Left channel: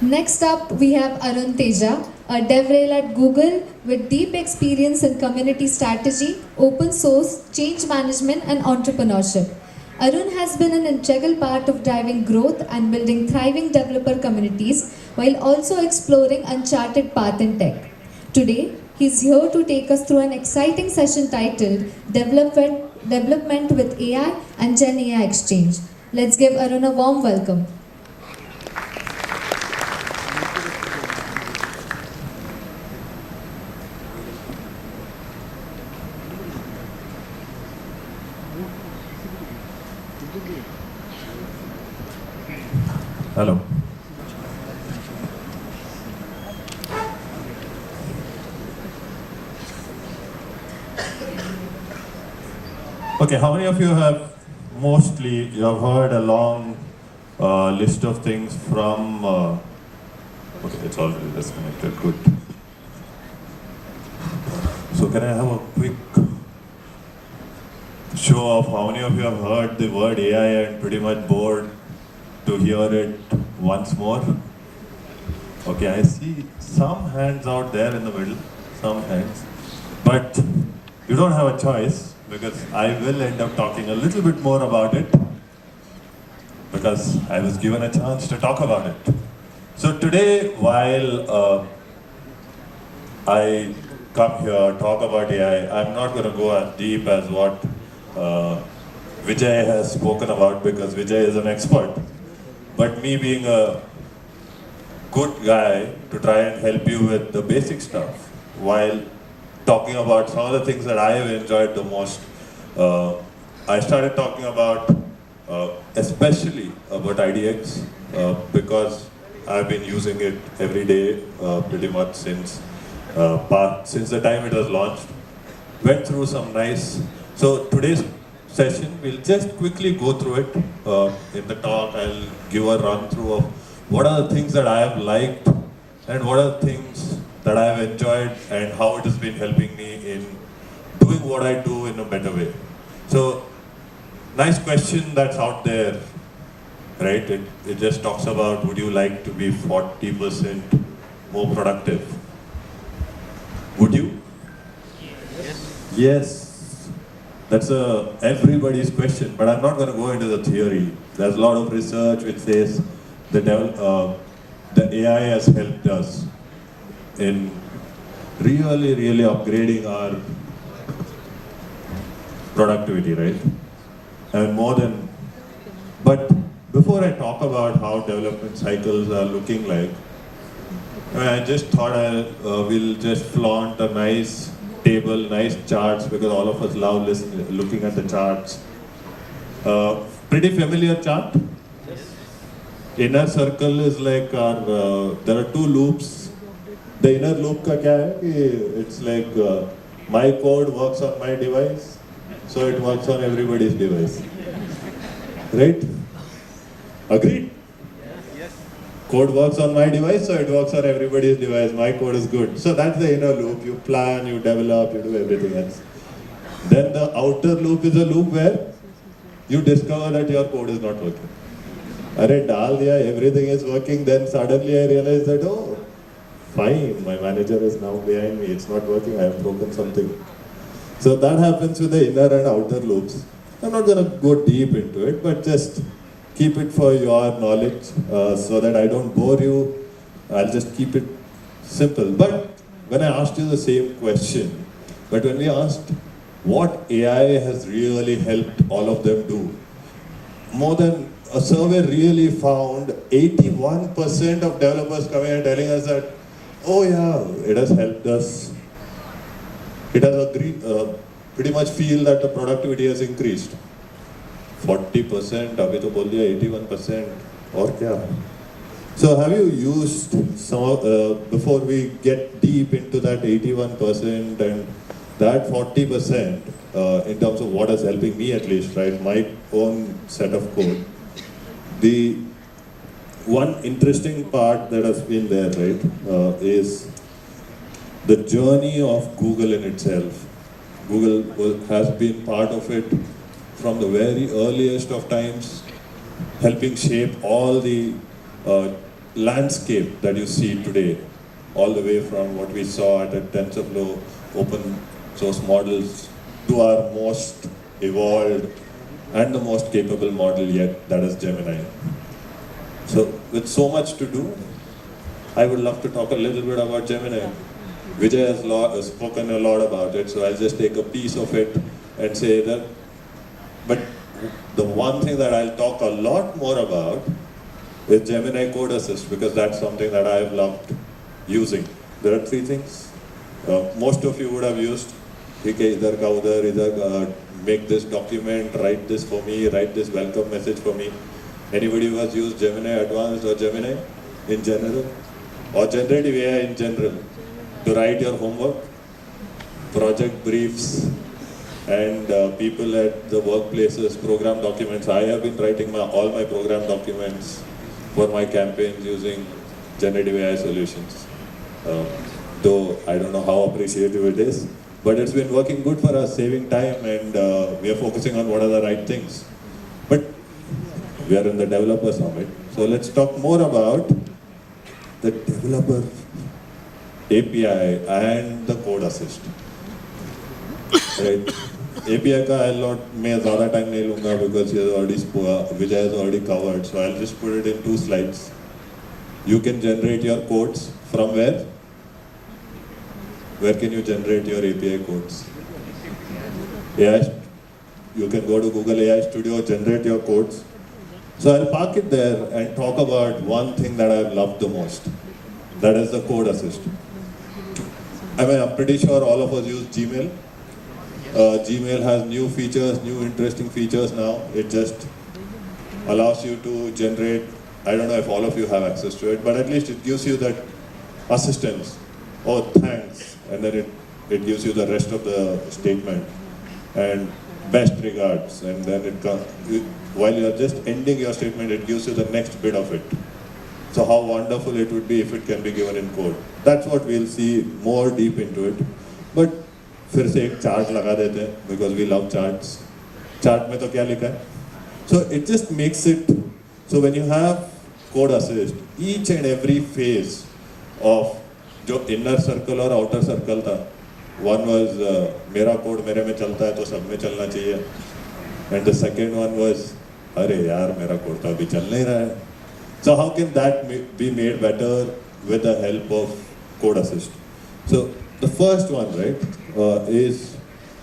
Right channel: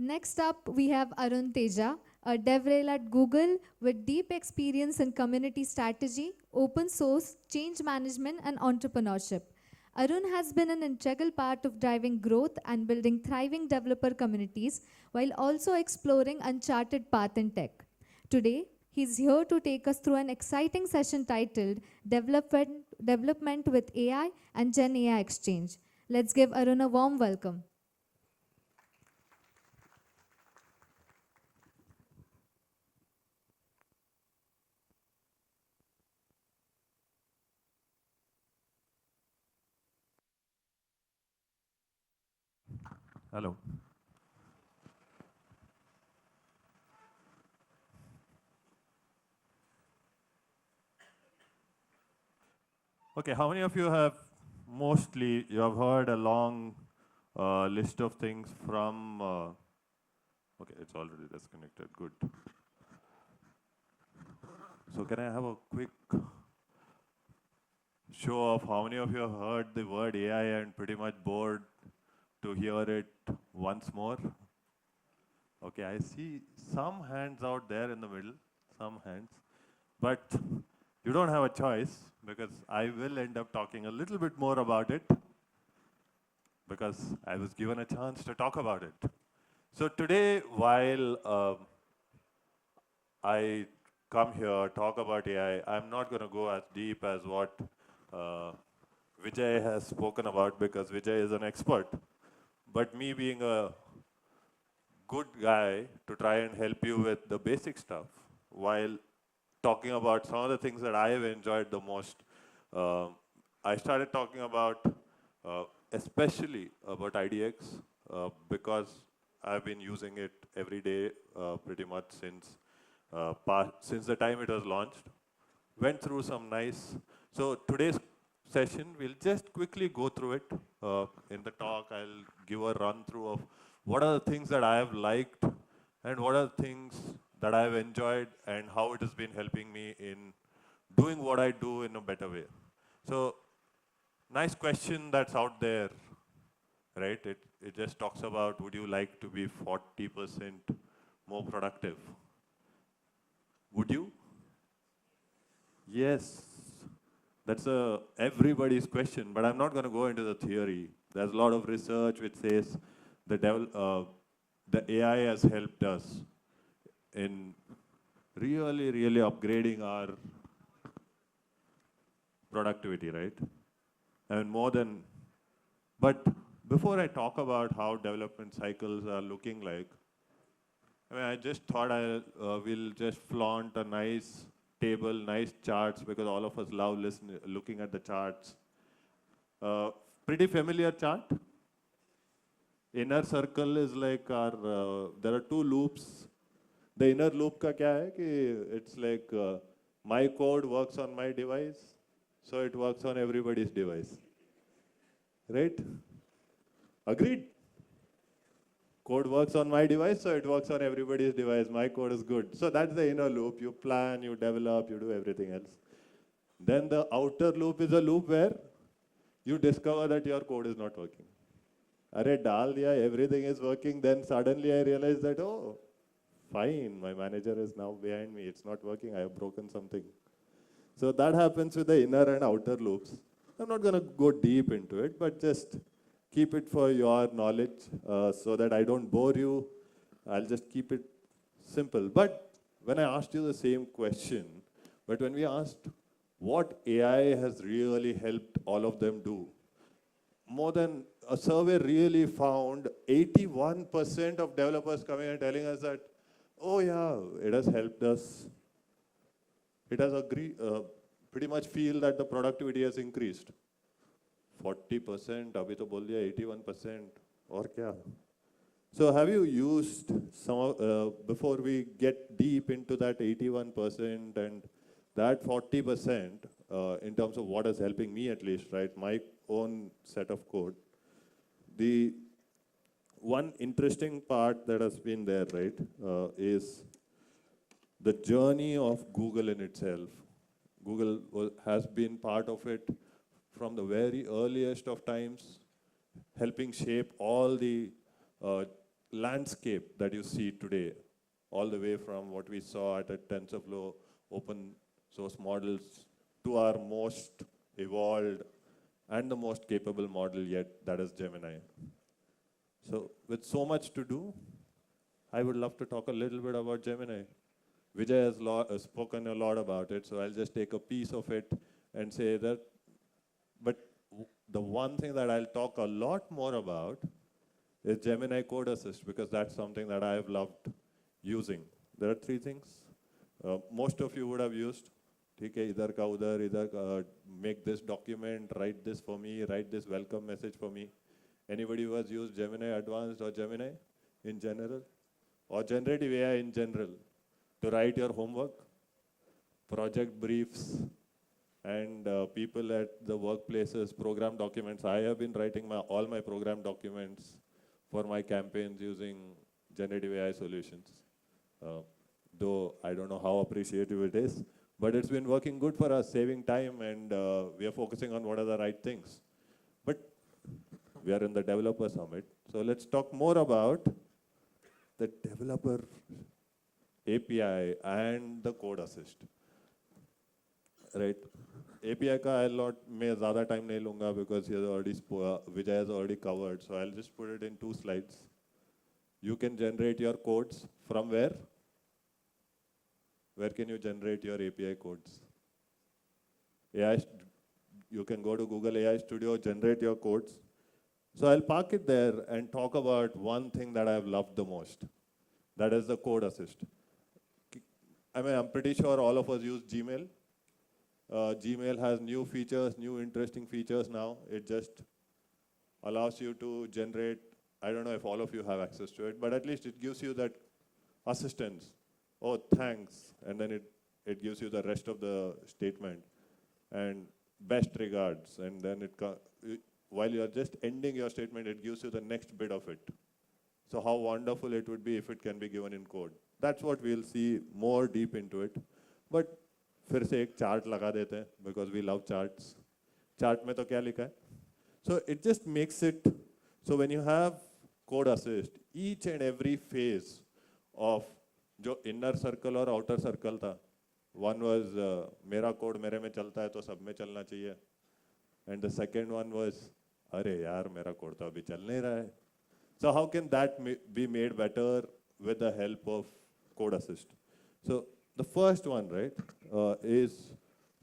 Next up, we have Arun Teja, a DevRel at Google with deep experience in community strategy, open source, change management, and entrepreneurship. Arun has been an integral part of driving growth and building thriving developer communities while also exploring uncharted paths in tech. Today, he's here to take us through an exciting session titled Development with AI and Gen AI Exchange. Let's give Arun a warm welcome. Hello. Okay, how many of you have you have heard a long list of things from, okay, it's already disconnected, good. So can I have a quick show of how many of you have heard the word AI and pretty much bored to hear it once more? Okay, I see some hands out there in the middle, some hands. But you don't have a choice because I will end up talking a little bit more about it because I was given a chance to talk about it. So today, while I come here, talk about AI, I'm not going to go as deep as what Vijay has spoken about because Vijay is an expert. But me being a good guy to try and help you with the basic stuff while talking about some of the things that I have enjoyed the most. I started talking about, especially about IDX, because I've been using it every day pretty much since the time it was launched. Went through some nice, so today's session, we'll just quickly go through it. In the talk, I'll give a run through of what are the things that I have liked and what are the things that I have enjoyed and how it has been helping me in doing what I do in a better way. So, nice question that's out there, right? It just talks about, would you like to be 40% more productive? Would you? Yes. That's everybody's question, but I'm not going to go into the theory. There's a lot of research which says the AI has helped us in really upgrading our productivity, right? And but before I talk about how development cycles are looking like, I just thought we'll just flaunt a nice table, nice charts, because all of us love looking at the charts. Pretty familiar chart? Yes. Inner circle is like there are two loops. The inner loop ka kya hai? It's like my code works on my device, so it works on everybody's device. Right? Agreed? Yes. Code works on my device, so it works on everybody's device. My code is good. So that's the inner loop. You plan, you develop, you do everything else. Then the outer loop is a loop where you discover that your code is not working. Arey, dal diya, everything is working. Then suddenly I realize that, oh, fine, my manager is now behind me. It's not working. I have broken something. So that happens with the inner and outer loops. I'm not going to go deep into it, but just keep it for your knowledge so that I don't bore you. I'll just keep it simple. But when I asked you the same question, but when we asked what AI has really helped all of them do, more than a survey really found 81% of developers coming and telling us that, oh yeah, it has helped us. It has agreed, pretty much feel that the productivity has increased. 40%, अभी तो बोल दिया 81%, और क्या? So have you used some of, before we get deep into that 81% and that 40%, in terms of what is helping me at least, right, my own set of code, the one interesting part that has been there, right, is the journey of Google in itself. Google has been part of it from the very earliest of times, helping shape all the landscape that you see today, all the way from what we saw at TensorFlow open source models to our most evolved and the most capable model yet, that is Gemini. So with so much to do, I would love to talk a little bit about Gemini. Vijay has spoken a lot about it, so I'll just take a piece of it and say that. But the one thing that I'll talk a lot more about is Gemini Code Assist, because that's something that I've loved using. There are three things. Most of you would have used, either make this document, write this for me, write this welcome message for me. Anybody who has used Gemini Advanced or Gemini in general, or generative AI in general, to write your homework, project briefs, and people at the workplaces, program documents. I have been writing all my program documents for my campaigns using generative AI solutions. Though I don't know how appreciative it is, but it's been working good for us, saving time, and we are focusing on what are the right things. But we are in the developer summit, so let's talk more about the developer API and the code assist. Right? API का मैं ज़्यादा time नहीं लूँगा because Vijay has already covered, so I'll just put it in 2 slides. You can generate your codes from where? Where can you generate your API codes? AI, you can go to Google AI Studio, generate your codes. So I'll park it there and talk about one thing that I've loved the most. That is the code assist. I mean, I'm pretty sure all of us use Gmail. Gmail has new features, new interesting features now. It just allows you to generate, I don't know if all of you have access to it, but at least it gives you that assistance. Oh, thanks. And then it gives you the rest of the statement. And best regards. And then while you're just ending your statement, it gives you the next bit of it. So how wonderful it would be if it can be given in code. That's what we'll see more deep into it. But फिर से एक chart लगा देते हैं because we love charts. Chart में तो क्या लिखा है? So it just makes it, so when you have code assist, each and every phase of जो inner circle और outer circle था, one was मेरा code मेरे में चलता है तो सब में चलना चाहिए, and the second one was अरे यार मेरा code तो अभी चल नहीं रहा है. So how can that be made better with the help of code assist? So the first one, right, is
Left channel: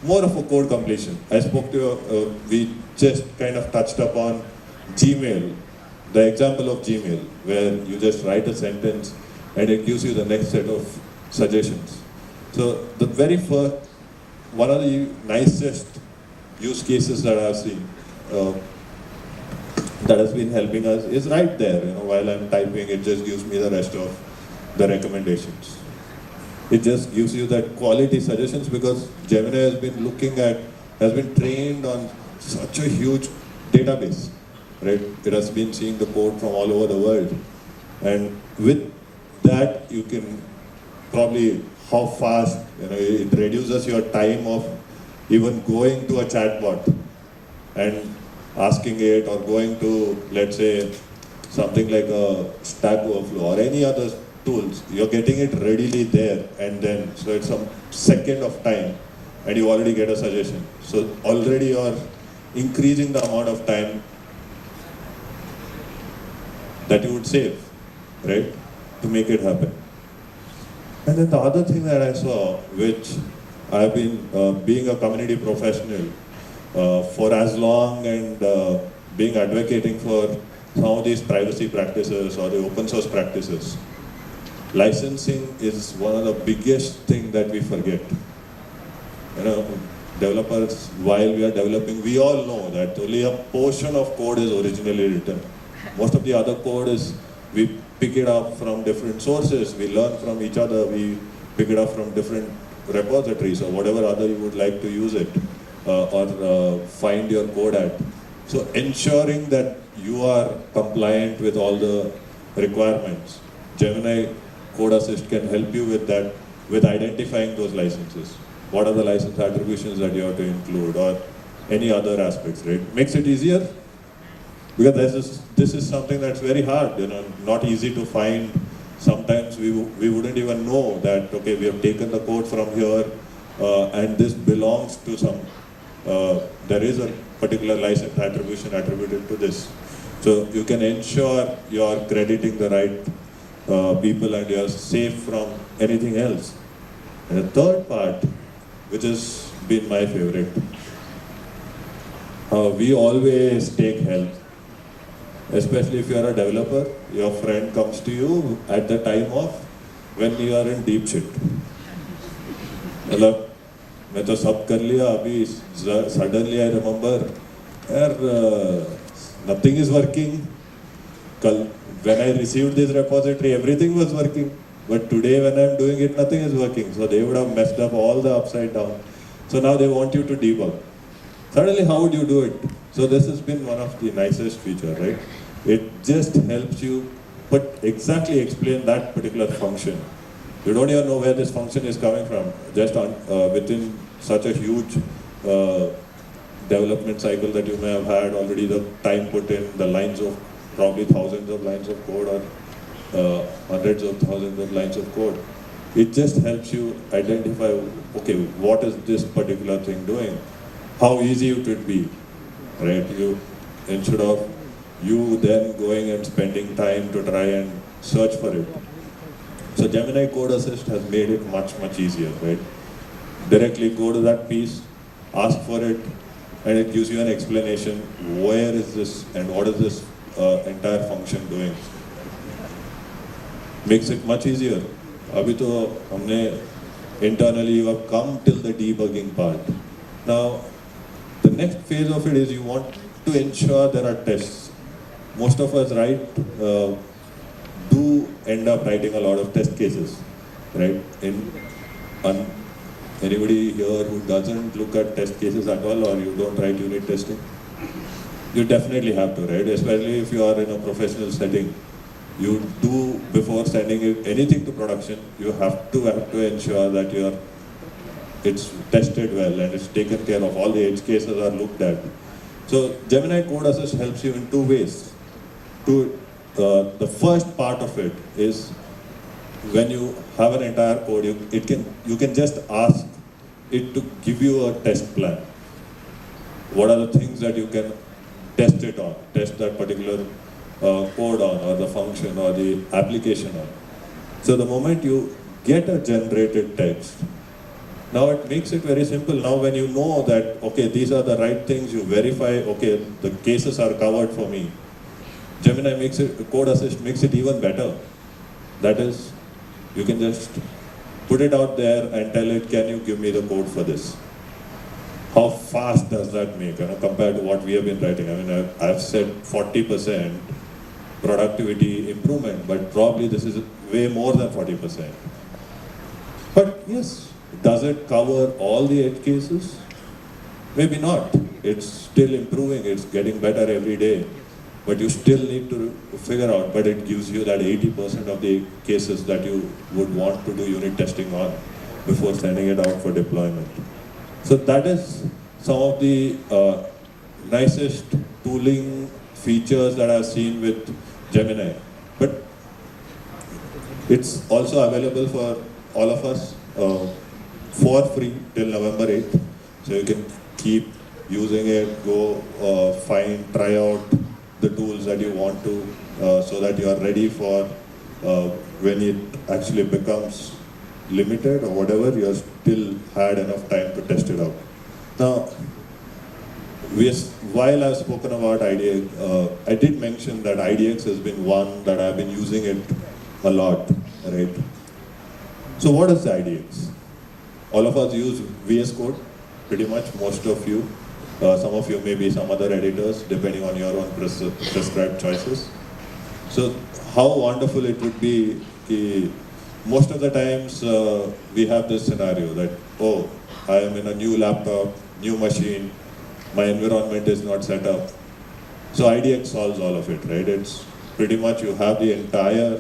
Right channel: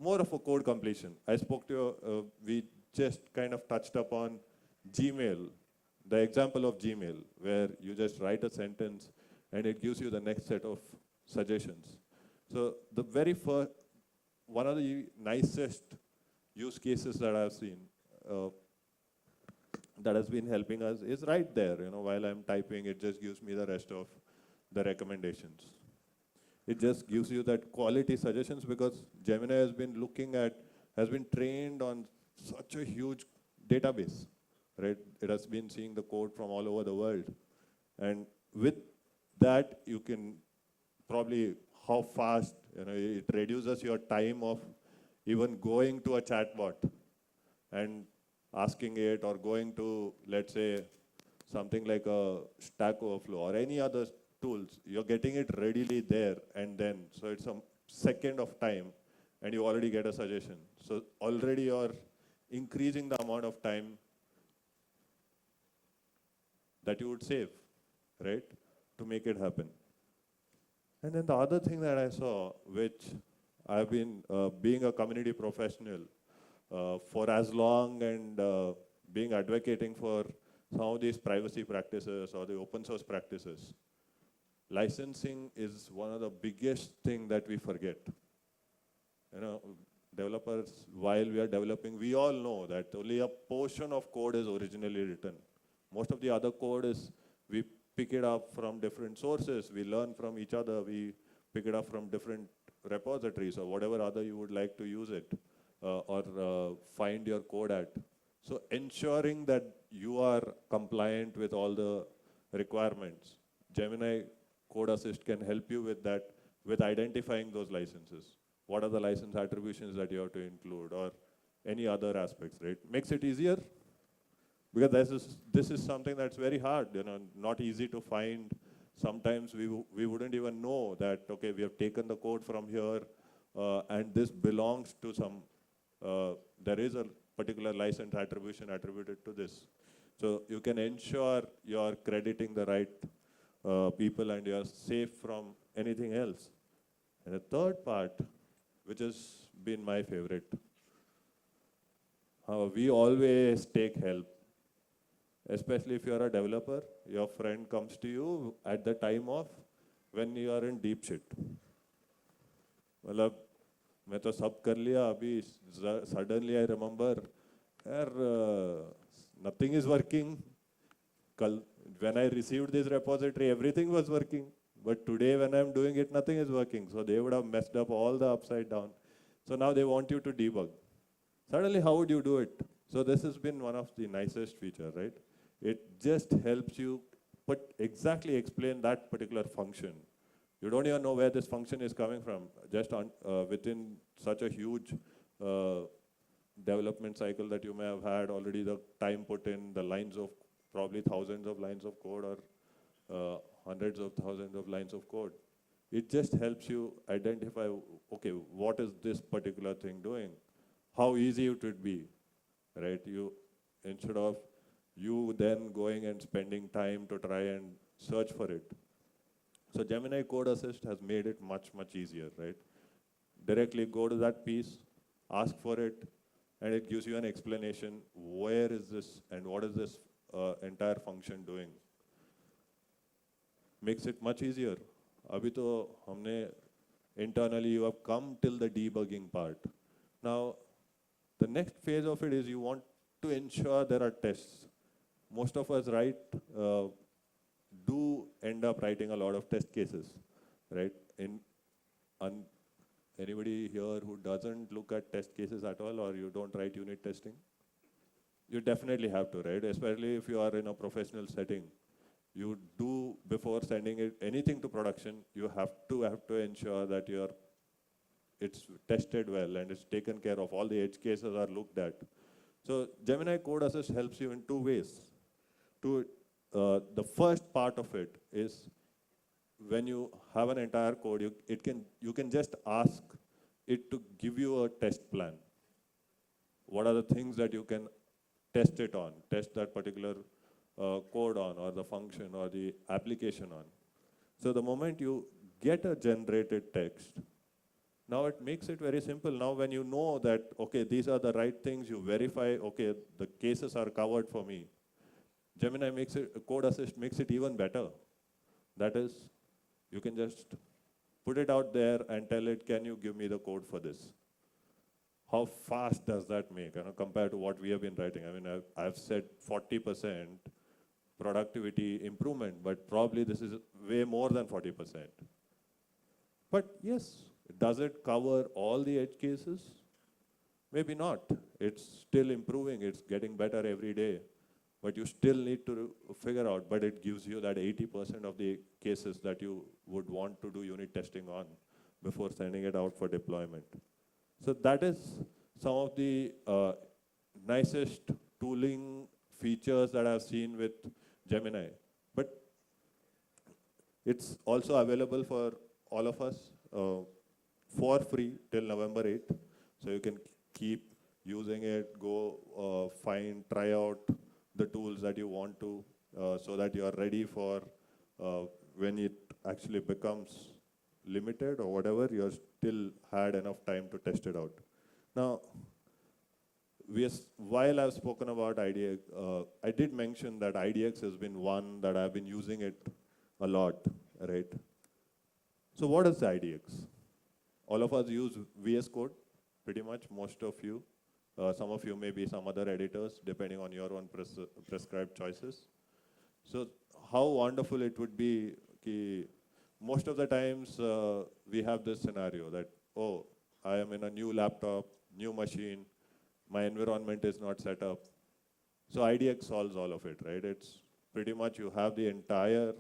more of a code completion. I spoke to you, we just kind of touched upon Gmail, the example of Gmail, where you just write a sentence and it gives you the next set of suggestions. So the very first, one of the nicest use cases that I've seen that has been helping us is right there. You know, while I'm typing, it just gives me the rest of the recommendations. It just gives you that quality suggestions because Gemini has been trained on such a huge database, right? It has been seeing the code from all over the world. And with that, you can probably, how fast, it reduces your time of even going to a chatbot and asking it, or going to, let's say, something like a Stack Overflow or any other tools. You're getting it readily there, and then, so it's a second of time and you already get a suggestion. So already you're increasing the amount of time that you would save, right, to make it happen. And then the other thing that I saw, which I've been being a community professional for as long, and being advocating for some of these privacy practices or the open source practices, licensing is one of the biggest things that we forget. Developers, while we are developing, we all know that only a portion of code is originally written. Most of the other code is, we pick it up from different sources, we learn from each other, we pick it up from different repositories or whatever other you would like to use it, or find your code at. So ensuring that you are compliant with all the requirements. Gemini Code Assist can help you with that, with identifying those licenses. What are the license attributions that you have to include, or any other aspects, right? Makes it easier. Because this is something that's very hard, not easy to find. Sometimes we wouldn't even know that, okay, we have taken the code from here and this belongs to there is a particular license attribution attributed to this. So you can ensure you're crediting the right people and you're safe from anything else. And the third part, which has been my favorite, we always take help. Especially if you are a developer, your friend comes to you at the time of when you are in deep shit. मतलब मैं तो सब कर लिया अभी suddenly I remember यार nothing is working. कल when I received this repository everything was working, but today when I am doing it nothing is working. So they would have messed up all the upside down. So now they want you to debug. Suddenly how would you do it? So this has been one of the nicest features, right? It just helps you exactly explain that particular function. You don't even know where this function is coming from. Just within such a huge development cycle that you may have had already, the time put in, the lines of probably thousands of lines of code or hundreds of thousands of lines of code. It just helps you identify, okay, what is this particular thing doing? How easy it would be, right? Instead of you then going and spending time to try and search for it. So Gemini Code Assist has made it much, much easier, right? Directly go to that piece, ask for it, and it gives you an explanation, where is this and what is this entire function doing. Makes it much easier. Abhi to humne internally you have come till the debugging part. Now, the next phase of it is you want to ensure there are tests. Most of us do end up writing a lot of test cases, right? Anybody here who doesn't look at test cases at all, or you don't write unit testing? You definitely have to, right? Especially if you are in a professional setting. You do, before sending anything to production, you have to ensure that it's tested well and it's taken care of. All the edge cases are looked at. So Gemini Code Assist helps you in two ways. The first part of it is when you have an entire code, you can just ask it to give you a test plan. What are the things that you can test it on, test that particular code on, or the function or the application on. So the moment you get a generated text, now it makes it very simple. Now when you know that, okay, these are the right things, you verify, okay, the cases are covered for me. Gemini Code Assist makes it even better. That is, you can just put it out there and tell it, can you give me the code for this? How fast does that make, compared to what we have been writing? I mean, I've said 40% productivity improvement, but probably this is way more than 40%. But yes, does it cover all the edge cases? Maybe not. It's still improving, it's getting better every day. But you still need to figure out, but it gives you that 80% of the cases that you would want to do unit testing on before sending it out for deployment. So that is some of the nicest tooling features that I've seen with Gemini. But it's also available for all of us for free till November 8th. So you can keep using it, go try out the tools that you want to, so that you are ready for when it actually becomes limited or whatever, you have still had enough time to test it out. Now, while I've spoken about IDX, I did mention that IDX has been one that I've been using it a lot, right? So what is IDX? All of us use VS Code, pretty much, most of you. Some of you may be some other editors, depending on your own prescribed choices. So how wonderful it would be, most of the times we have this scenario that, oh, I am in a new laptop, new machine, my environment is not set up. So IDX solves all of it, right? It's pretty much you have the entire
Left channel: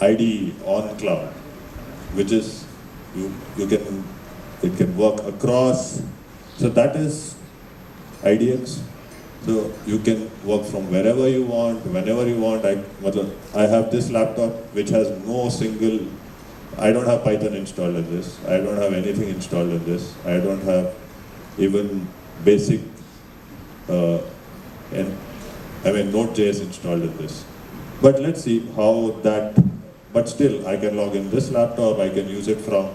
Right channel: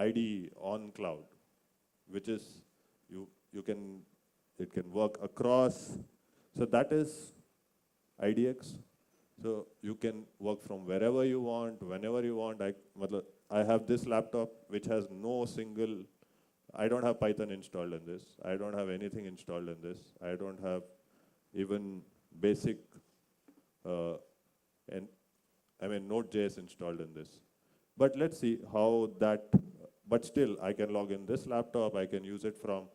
IDE on cloud, which is, it can work across. So that is IDX. So you can work from wherever you want, whenever you want. I have this laptop which has no single, I don't have Python installed in this. I don't have anything installed in this. I don't have even basic, Node.js installed in this. But let's see how that, but still I can log in this laptop, I can use it from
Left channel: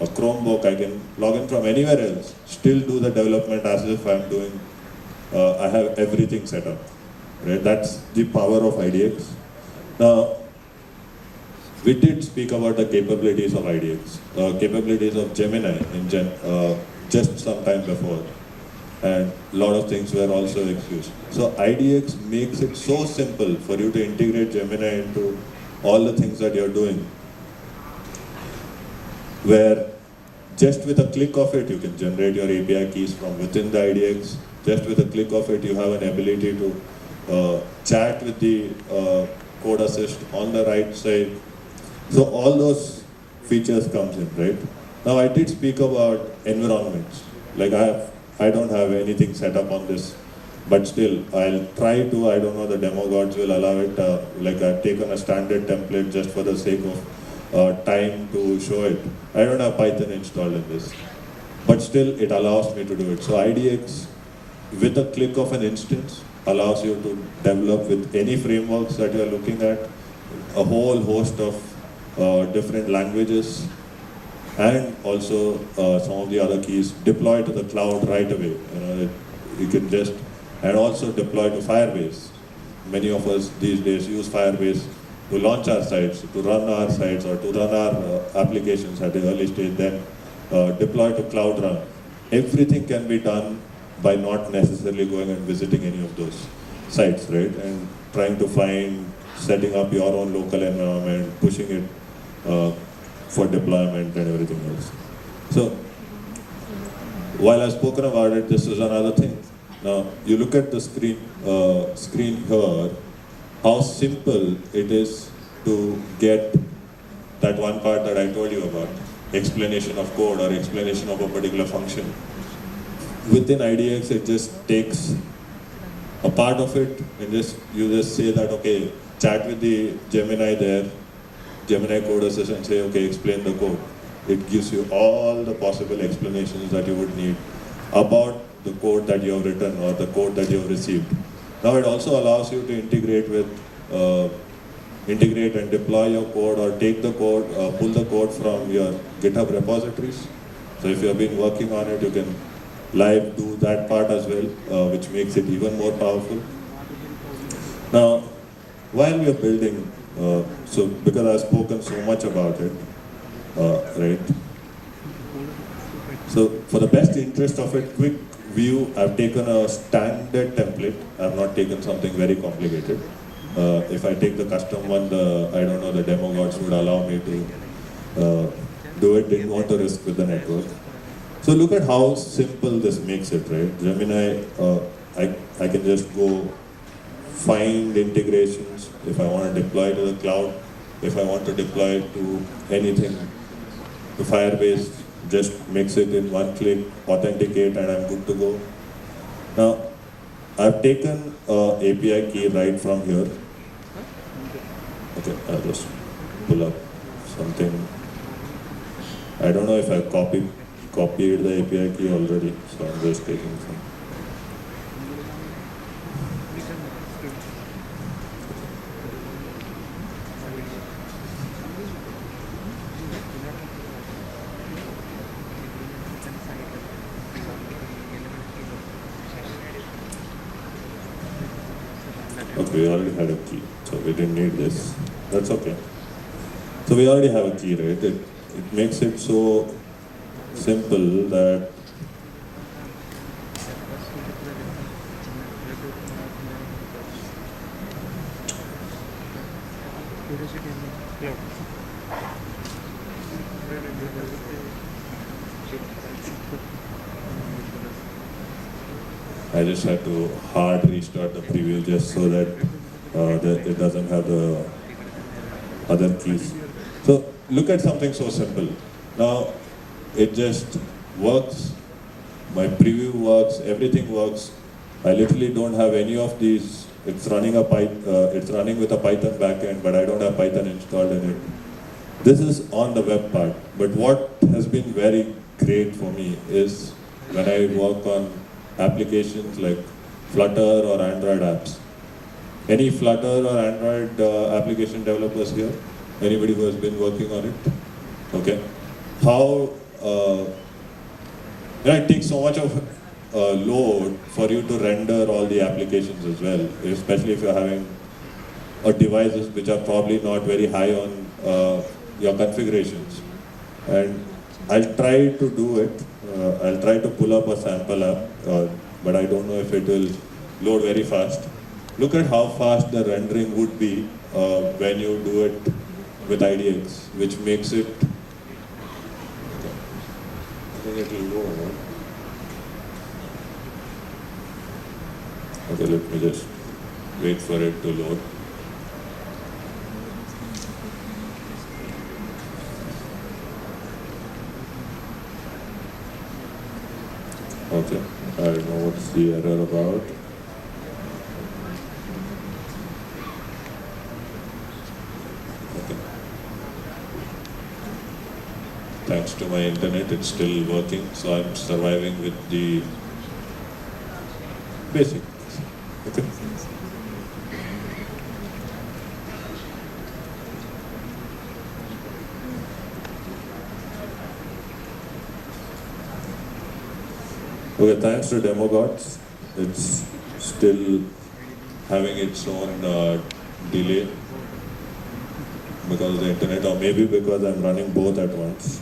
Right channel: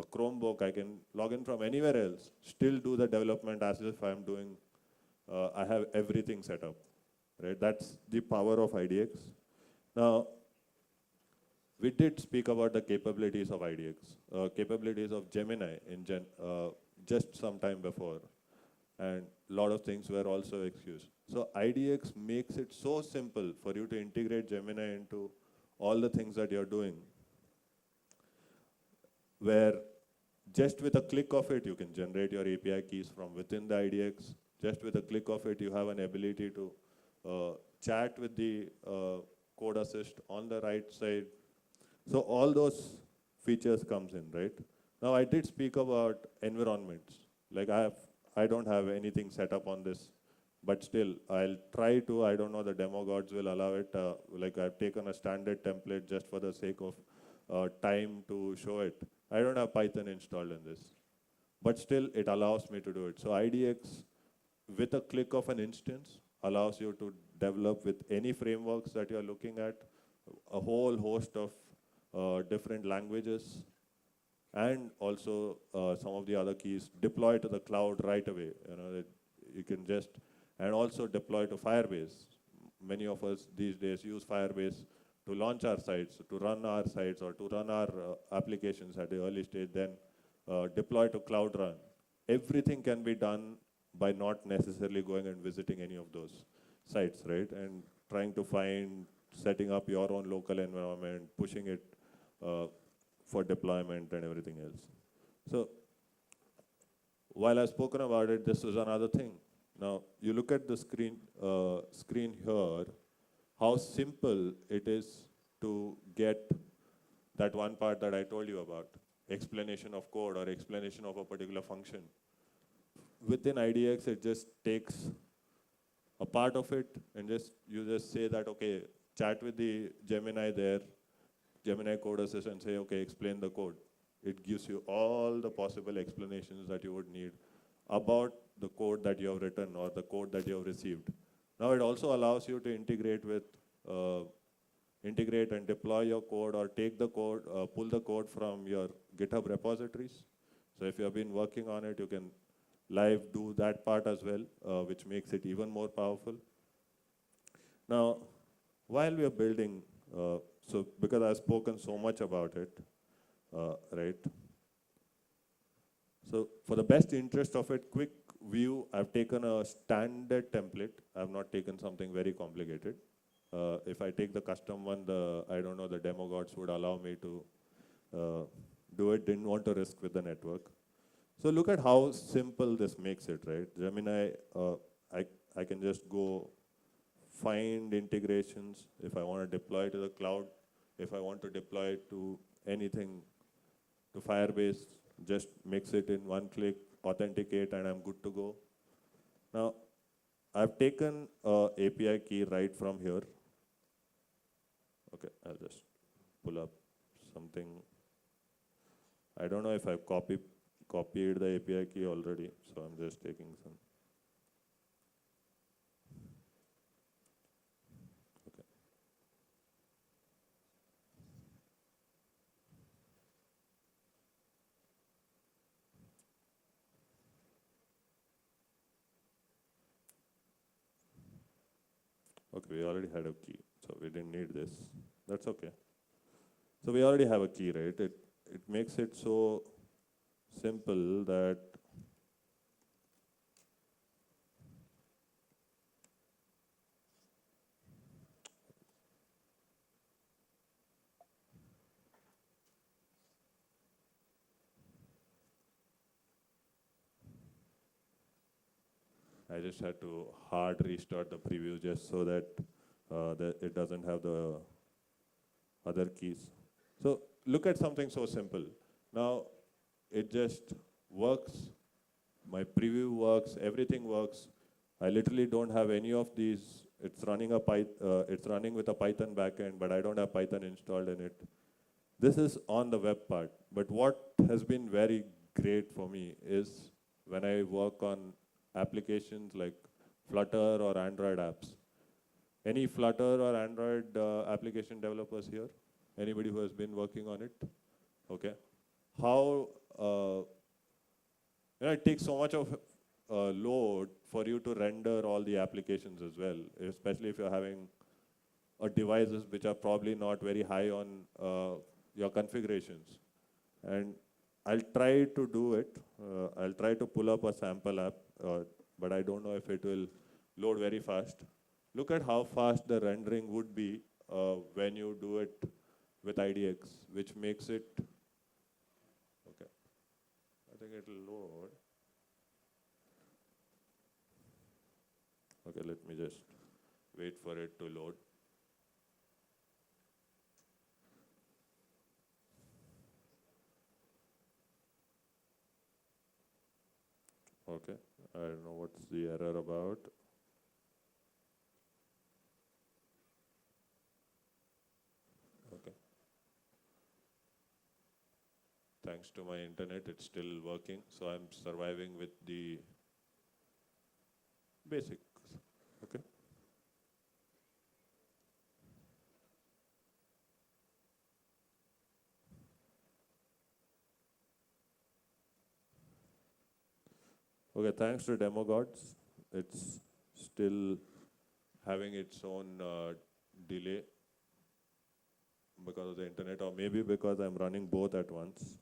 a Chromebook, I can log in from anywhere else, still do the development as if I'm doing, I have everything set up. Right? That's the power of IDX. Now, we did speak about the capabilities of IDX, capabilities of Gemini just some time before. And a lot of things were also excused. So IDX makes it so simple for you to integrate Gemini into all the things that you're doing, where just with a click of it, you can generate your API keys from within the IDX. Just with a click of it, you have an ability to chat with the code assist on the right side. So all those features comes in, right? Now I did speak about environments. Like I don't have anything set up on this, but still I'll try to. I don't know, the demo gods will allow it. Like I've taken a standard template just for the sake of time to show it. I don't have Python installed in this, but still it allows me to do it. So IDX, with a click of an instance, allows you to develop with any frameworks that you're looking at, a whole host of different languages, and also some of the other keys deploy to the cloud right away. You can just, and also deploy to Firebase. Many of us these days use Firebase to launch our sites, to run our sites, or to run our applications at the early stage, then deploy to Cloud Run. Everything can be done by not necessarily going and visiting any of those sites, right? And trying to find, setting up your own local environment, pushing it for deployment and everything else. So, while I've spoken about it, this is another thing. You look at the screen here, how simple it is to get that one part that I told you about, explanation of code or explanation of a particular function. Within IDX, it just takes a part of it and you just say that, okay, chat with the Gemini there, Gemini code assist, and say, okay, explain the code. It gives you all the possible explanations that you would need about the code that you have written or the code that you have received. Now it also allows you to integrate and deploy your code, or take the code, pull the code from your GitHub repositories. So if you have been working on it, you can live do that part as well, which makes it even more powerful. Now, while we are building, so because I've spoken so much about it, right? So for the best interest of a quick view, I've taken a standard template. I've not taken something very complicated. If I take the custom one, the demo gods would allow me to do it. Didn't want to risk with the network. So look at how simple this makes it, right? Gemini, I can just go find integrations if I want to deploy to the cloud, if I want to deploy to anything, to Firebase, just mix it in one click, authenticate, and I'm good to go. Now, I've taken an API key right from here. Okay, I'll just pull up something. I don't know if I copied the API key already, so I'm just taking some. Okay, we already had a key, so we didn't need this. That's okay. So we already have a key, right? It makes it so simple that I just had to hard restart the preview just so that it doesn't have the other keys. So look at something so simple. Now it just works, my preview works, everything works I literally don't have any of these. It's running it's running with a Python backend, but I don't have Python installed in it. This is on the web part. But what has been very great for me is when I work on applications like Flutter or Android apps. Any Flutter or Android application developers here? Anybody who has been working on it? Okay. How it takes so much of load for you to render all the applications as well, especially if you're having devices which are probably not very high on your configurations. And I'll try to do it. I'll try to pull up a sample app, but I don't know if it will load very fast. Look at how fast the rendering would be when you do it with IDX, which makes it. I think it will go. Right? Okay, let me just wait for it to load. Okay, I don't know what's the error about. Okay. Thanks to my internet, it's still working, so I'm surviving with the basic. Okay. Okay, thanks to DemoGods, it's still having its own delay because of the internet, or maybe because I'm running both at once.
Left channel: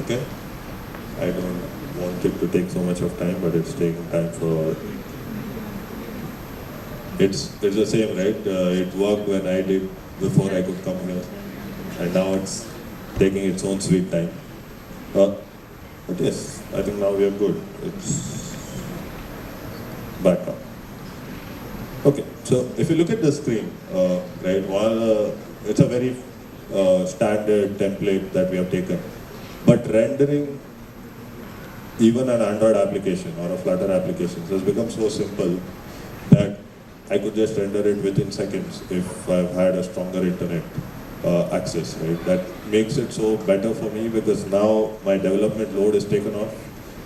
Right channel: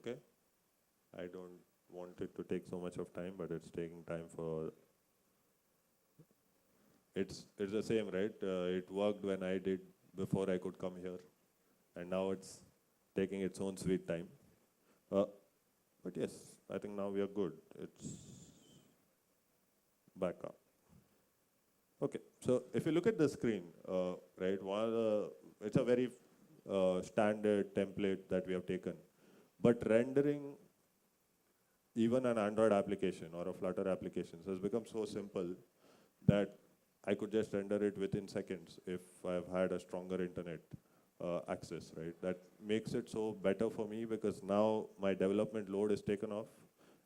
Okay, I don't want it to take so much of time, but it's taking time for. It's the same, right? It worked when I did before I could come here, and now it's taking its own sweet time. But yes, I think now we are good. It's back up. Okay, so if you look at the screen, right, it's a very standard template that we have taken. But rendering even an Android application or a Flutter application has become so simple that I could just render it within seconds if I've had a stronger internet access, right? That makes it so better for me because now my development load is taken off.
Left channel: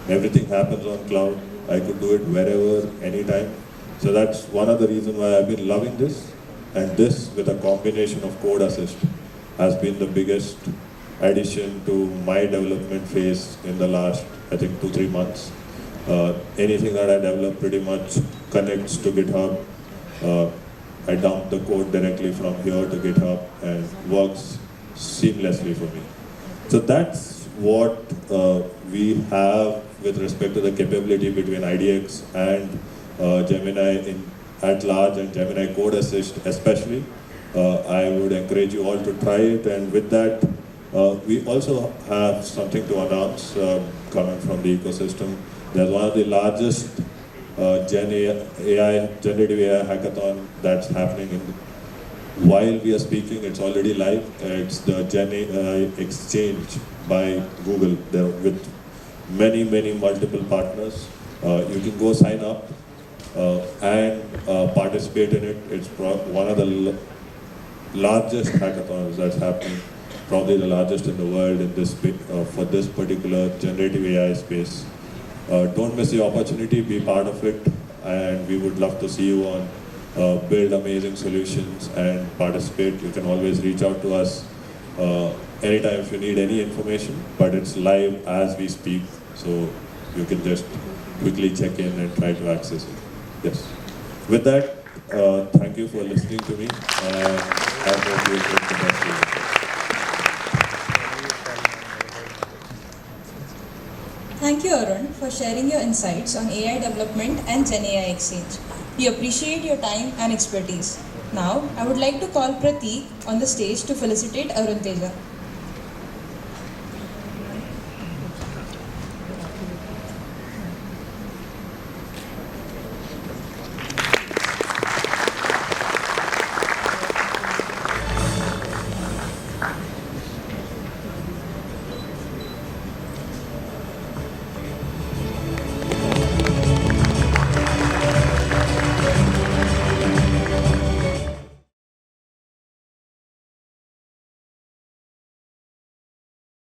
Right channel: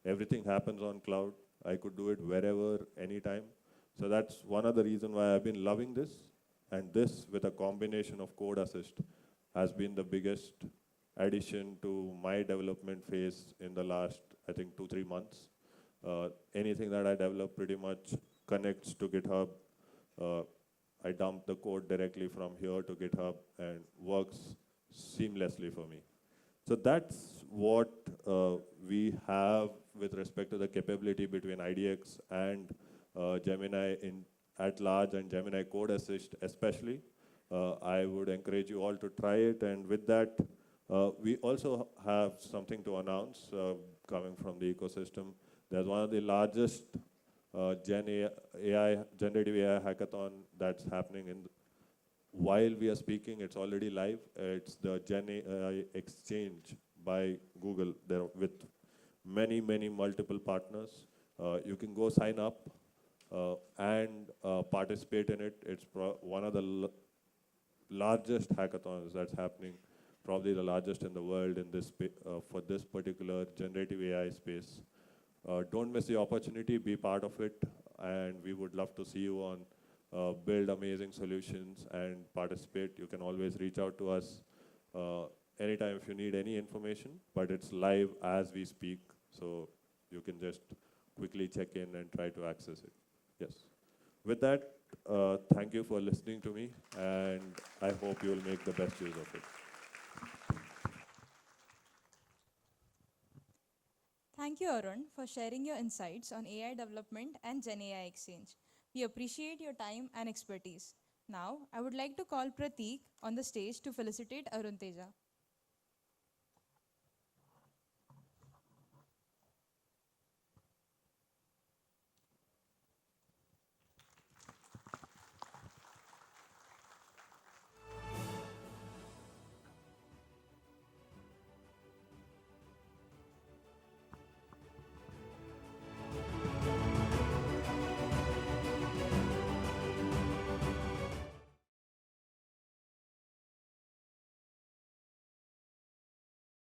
Everything happens on cloud. I could do it wherever, anytime. So that's one of the reasons why I've been loving this. And this, with a combination of Code Assist, has been the biggest addition to my development phase in the last, I think, 2-3 months. Anything that I develop pretty much connects to GitHub. I dump the code directly from here to GitHub and works seamlessly for me. So that's what we have with respect to the capability between IDX and Gemini at large, and Gemini Code Assist especially. I would encourage you all to try it, and with that, we also have something to announce coming from the ecosystem. There's one of the largest generative AI hackathon that's happening while we are speaking. It's already live. It's the Gen AI Exchange by Google. They're with many multiple partners. You can go sign up and participate in it. It's one of the largest hackathons that's happening, probably the largest in the world in this for this particular generative AI space. Don't miss the opportunity, be part of it, and we would love to see you on build amazing solutions and participate. You can always reach out to us anytime if you need any information, but it's live as we speak, so you can just quickly check in and try to access it. Yes. With that, thank you for listening to me, and I hope you enjoyed the rest of it. Thank you, Arun, for sharing your insights on AI development and Gen AI Exchange. We appreciate your time and expertise. Now, I would like to call Prateek on the stage to felicitate Arun Teja.